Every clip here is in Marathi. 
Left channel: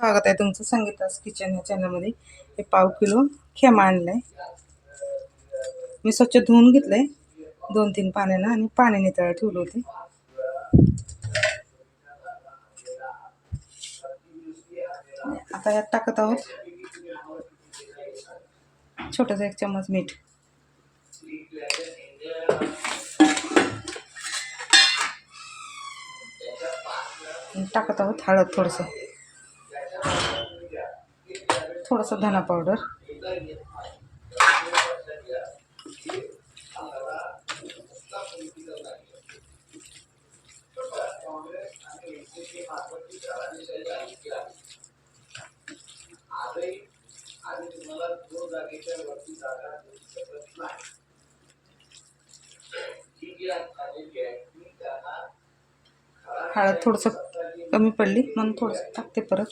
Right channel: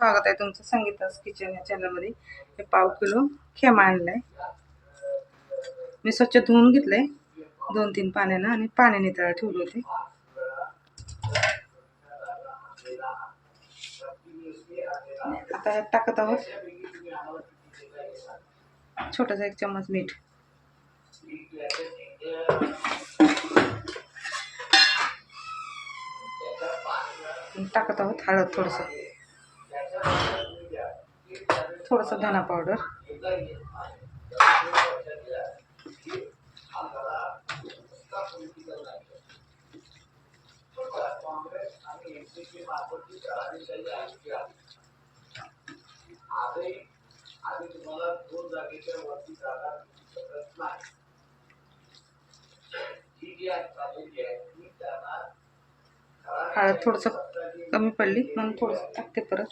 स्वागत आहे तुमचं संगीतास किचन या चॅनलमध्ये हे पाव किलो खेमा आणलाय. मी स्वच्छ धुवून घेतलंय. दोन तीन पाण्यानं आणि पाणी नितळा ठेवले होते. आता यात टाकत आहोत. छोटासा एक चम्मच मीठ. टाकत आहोत हळद थोडंसं. थोडंसं धना पावडर. हळद थोडंसं कमी पडली म्हणून थोडंसं टाकते परत.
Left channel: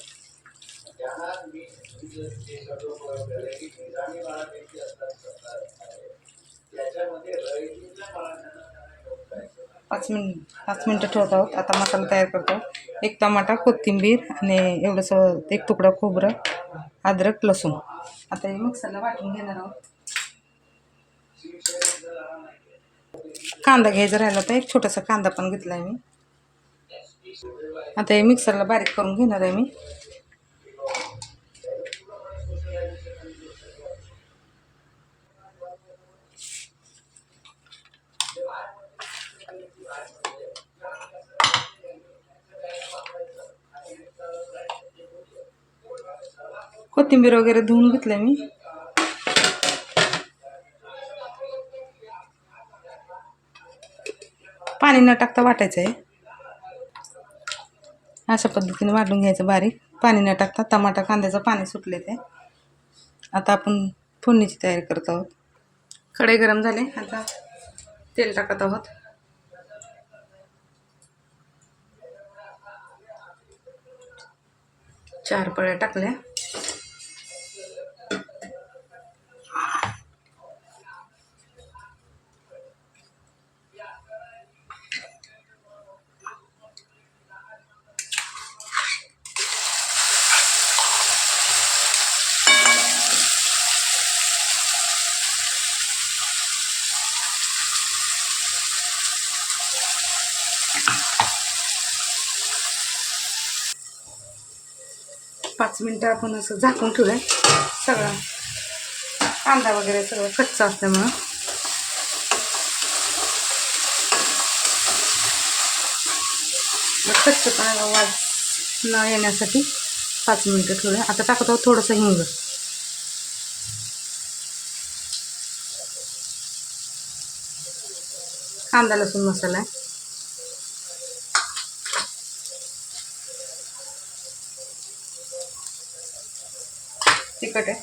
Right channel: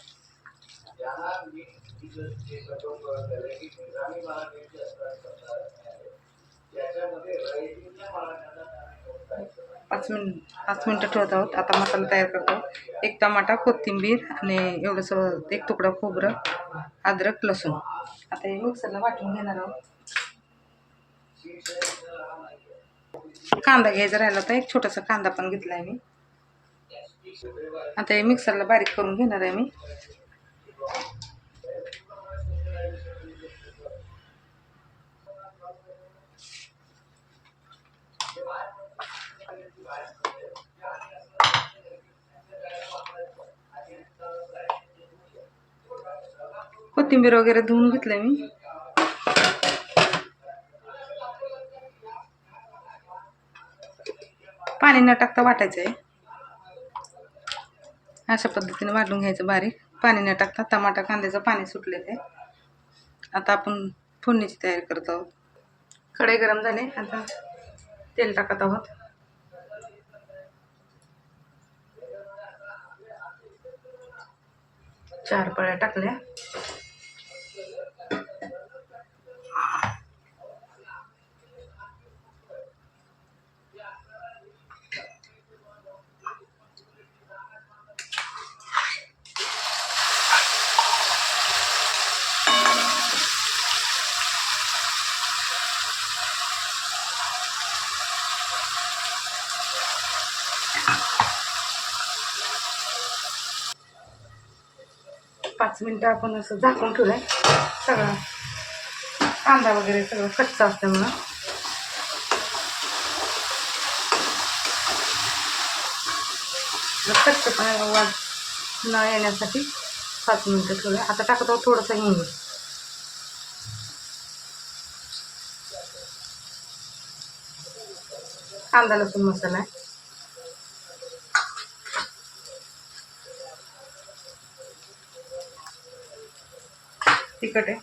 पाच मिनिट पाच मिनटं ठेवत आहोत. आता मसाला तयार करतो. एक टमाटा कोथिंबीर आणि एवढंसं एक तुकडा खोबरं अद्रक लसूण. आता हे मिक्सरला वाटून घेणार आहोत. कांदा घ्यायचा राहिला तर एक छोटासा कांदा पण घेतला आहे मी. आता हे मिक्सरला बारीक करून घेणार आहे मी. कोथिंबीर वगैरे धुवून घेतलं मी. पाणी न टाकता वाटायचं आहे अशा पद्धतीने वाटून घ्यायचं बारीक. पाणी न टाकता टमाटा कांद्याचं पाणी सुटले ते. आता आपण फोडणीची तयारी करत आहोत. कढई गरम झाले आता तेल टाकत आहोत. चार पळ्या टाकल्या. पाच मिनटं आपण असं झाकून ठेवलं सगळं कांदा वगैरे सगळं कच्चा असल्यामुळं. कच्चपणा वाज न येण्यासाठी पाच मिनटं ठेवलं आता टाकत आहोत थोडंसं हिंग. कांदा लसूण मसाला आहे. तिखट आहे.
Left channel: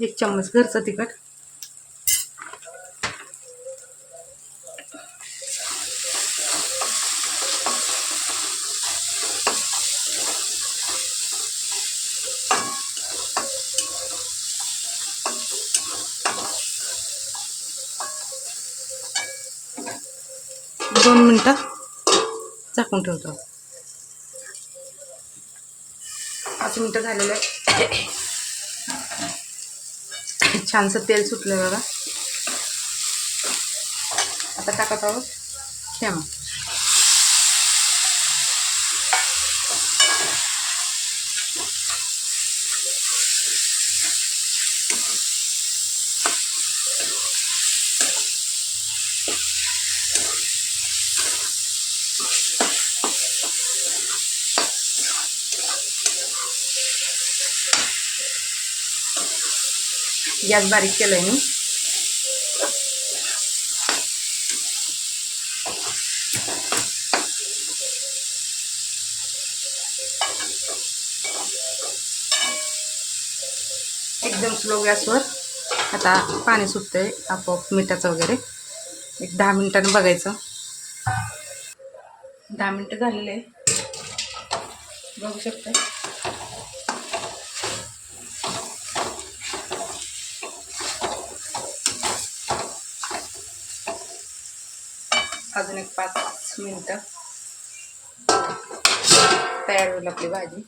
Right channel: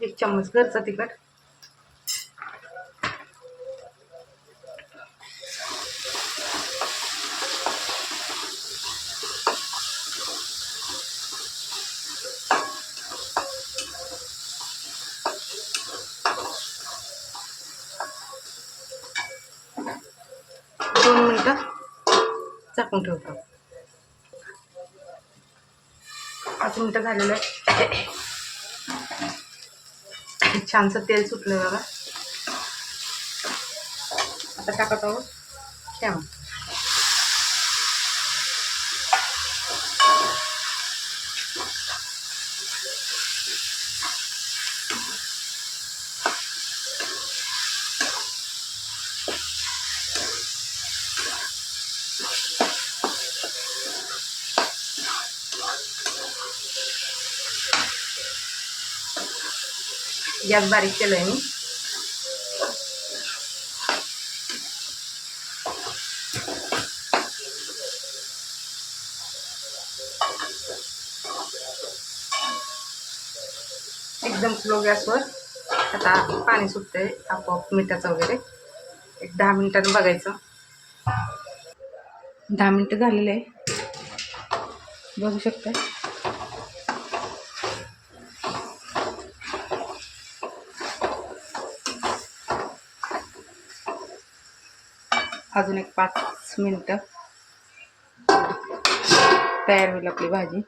एक चम्मच घरचं तिखट. दोन मिनटं झाकून ठेवतो. पाच मिनटं झालेलं आहे. छानसं तेल सुटलं बघा. आता टाकत आहोत ठेवा. गॅस बारीक केलं आहे मी. एकदम स्लो गॅसवर आता पाणी सुटतंय आपोआप मिठाचं वगैरे. एक दहा मिनिटांनी बघायचं. दहा मिनटं झालेले आहे. बघू शकता. अजून एक पाच मिनटं तयार होईल आपली भाजी.